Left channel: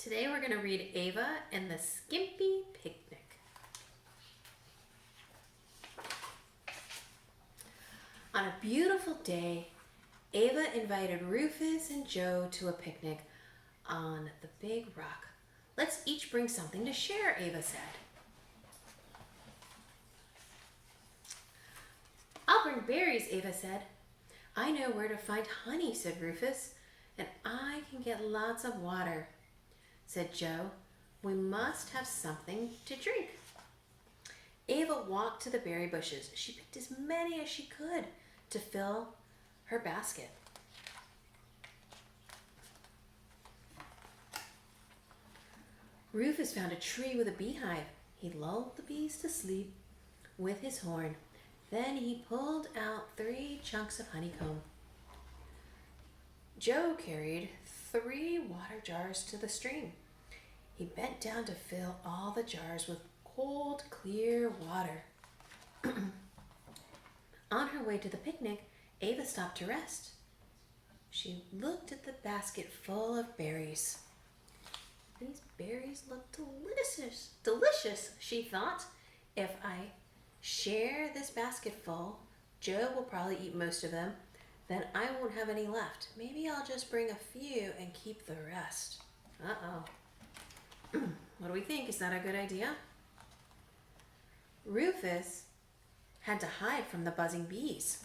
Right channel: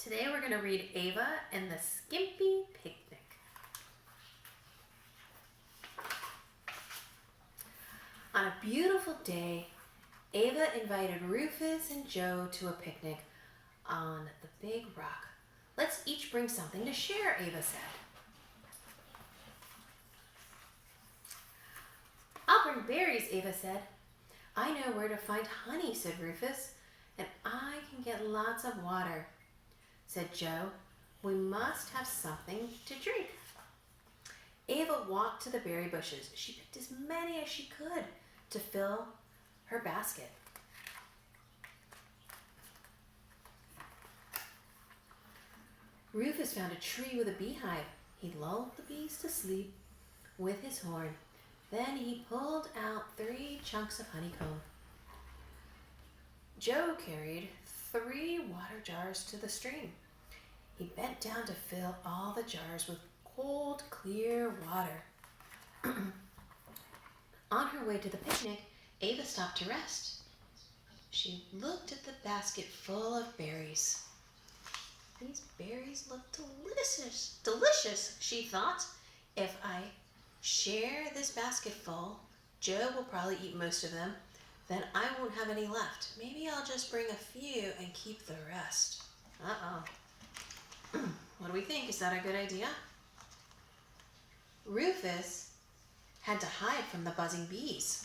Today we're going to read Ava and the Skimpy Picnic. On a beautiful day, Ava invited Rufus and Joe to a picnic on the big rock. Let's each bring something to share, Ava said. I'll bring berries, Ava said. I know where to find honey, said Rufus, and I can get lots of water, said Joe. We must have something to drink. Ava walked to the berry bushes. She picked as many as she could to fill her basket. Rufus found a tree with a beehive. He lulled the bees to sleep with his horn. Then he pulled out 3 chunks of honeycomb. Joe carried 3 water jars to the stream. He bent down to fill all the jars with cold, clear water. On her way to the picnic, Ava stopped to rest. She looked at the basket full of berries. These berries look delicious, she thought. If I share this basket full, Joe will probably eat most of them. Then I won't have any left. Maybe I'll just bring a few and keep the rest. Uh-oh. What do we think? Is that a good idea? Rufus had to hide from the buzzing bees.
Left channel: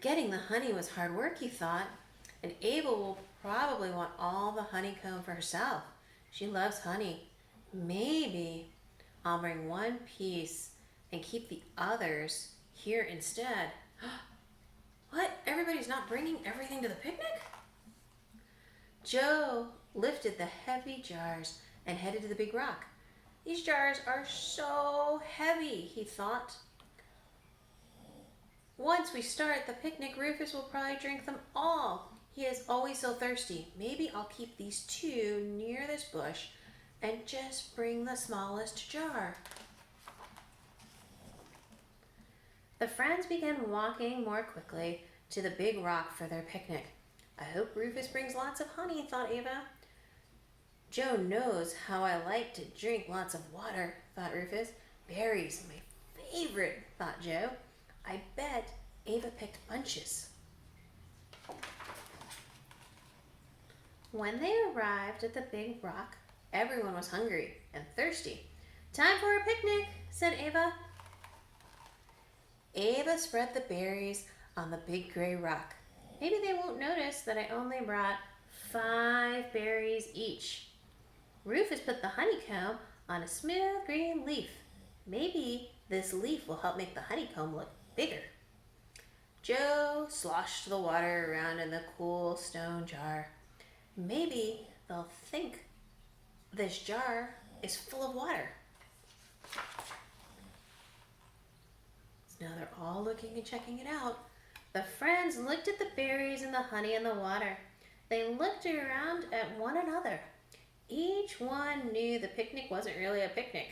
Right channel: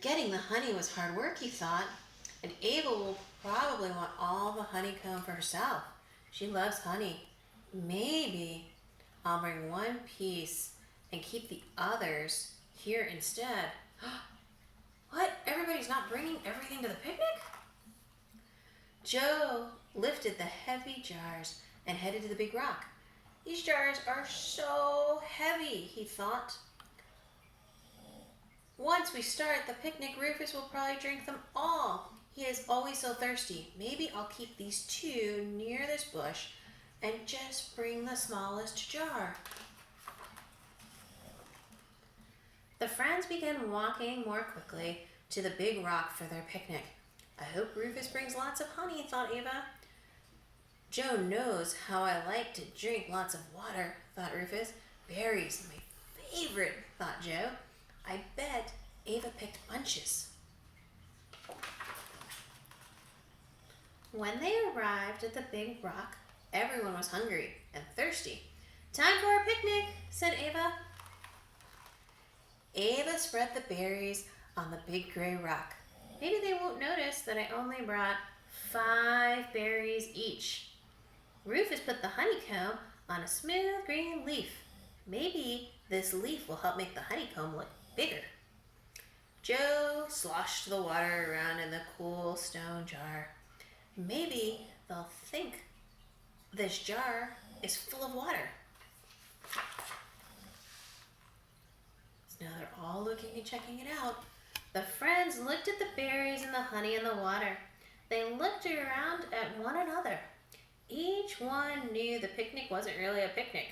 Getting the honey was hard work, he thought, and Ava will probably want all the honeycomb for herself. She loves honey. Maybe I'll bring 1 piece and keep the others here instead. What? Everybody's not bringing everything to the picnic? Joe lifted the heavy jars and headed to the big rock. These jars are so heavy, he thought. Once we start the picnic, Rufus will probably drink them all. He is always so thirsty. Maybe I'll keep these 2 near this bush and just bring the smallest jar. The friends began walking more quickly to the big rock for their picnic. I hope Rufus brings lots of honey, thought Ava. Joe knows how I like to drink lots of water, thought Rufus. Berries, my favorite, thought Joe. I bet Ava picked bunches. When they arrived at the big rock, everyone was hungry and thirsty. Time for a picnic, said Ava. Ava spread the berries on the big gray rock. Maybe they won't notice that I only brought 5 berries each. Rufus put the honeycomb on a smooth green leaf. Maybe this leaf will help make the honeycomb look bigger. Joe sloshed the water around in the cool stone jar. Maybe they'll think this jar is full of water. So now they're all looking and checking it out. The friends looked at the berries and the honey and the water. They looked around at one another. Each one knew the picnic wasn't really a picnic.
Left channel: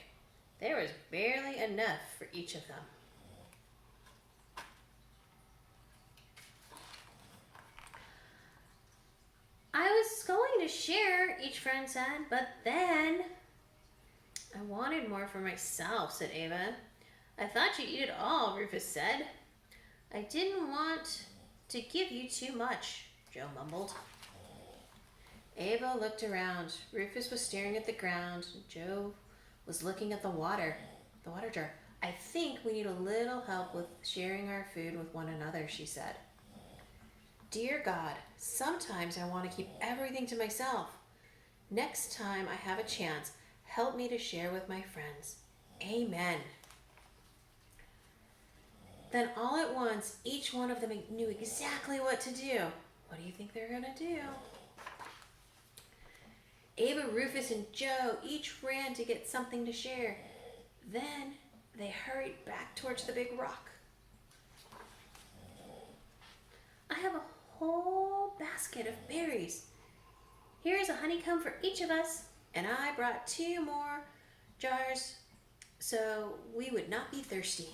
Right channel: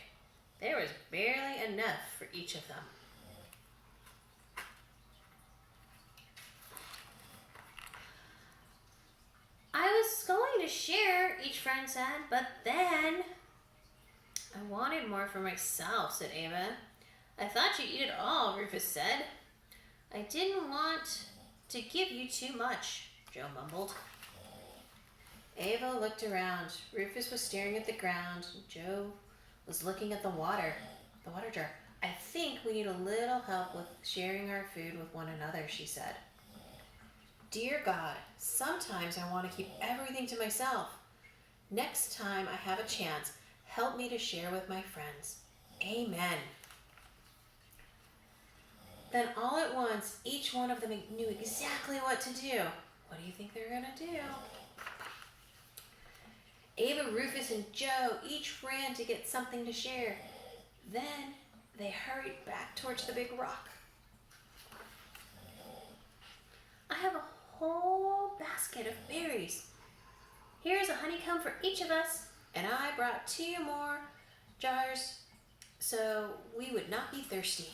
There was barely enough for each of them. I was going to share, each friend said, but then I wanted more for myself, said Ava. I thought you'd eat it all, Rufus said. I didn't want to give you too much, Joe mumbled. Ava looked around. Rufus was staring at the ground. Joe was looking at the water jar. I think we need a little help with sharing our food with one another, she said. Dear God, sometimes I want to keep everything to myself. Next time I have a chance, help me to share with my friends. Amen. Then all at once, each one of them knew exactly what to do. What do you think they're going to do? Ava, Rufus, and Joe each ran to get something to share. Then they hurried back towards the big rock. I have a whole basket of berries. Here's a honeycomb for each of us, and I brought 2 more jars so we would not be thirsty.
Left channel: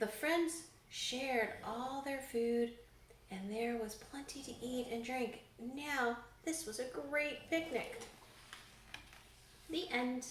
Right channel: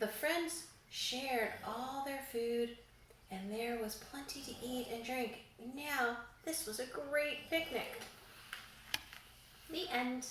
The friends shared all their food and there was plenty to eat and drink. Now, this was a great picnic. The end.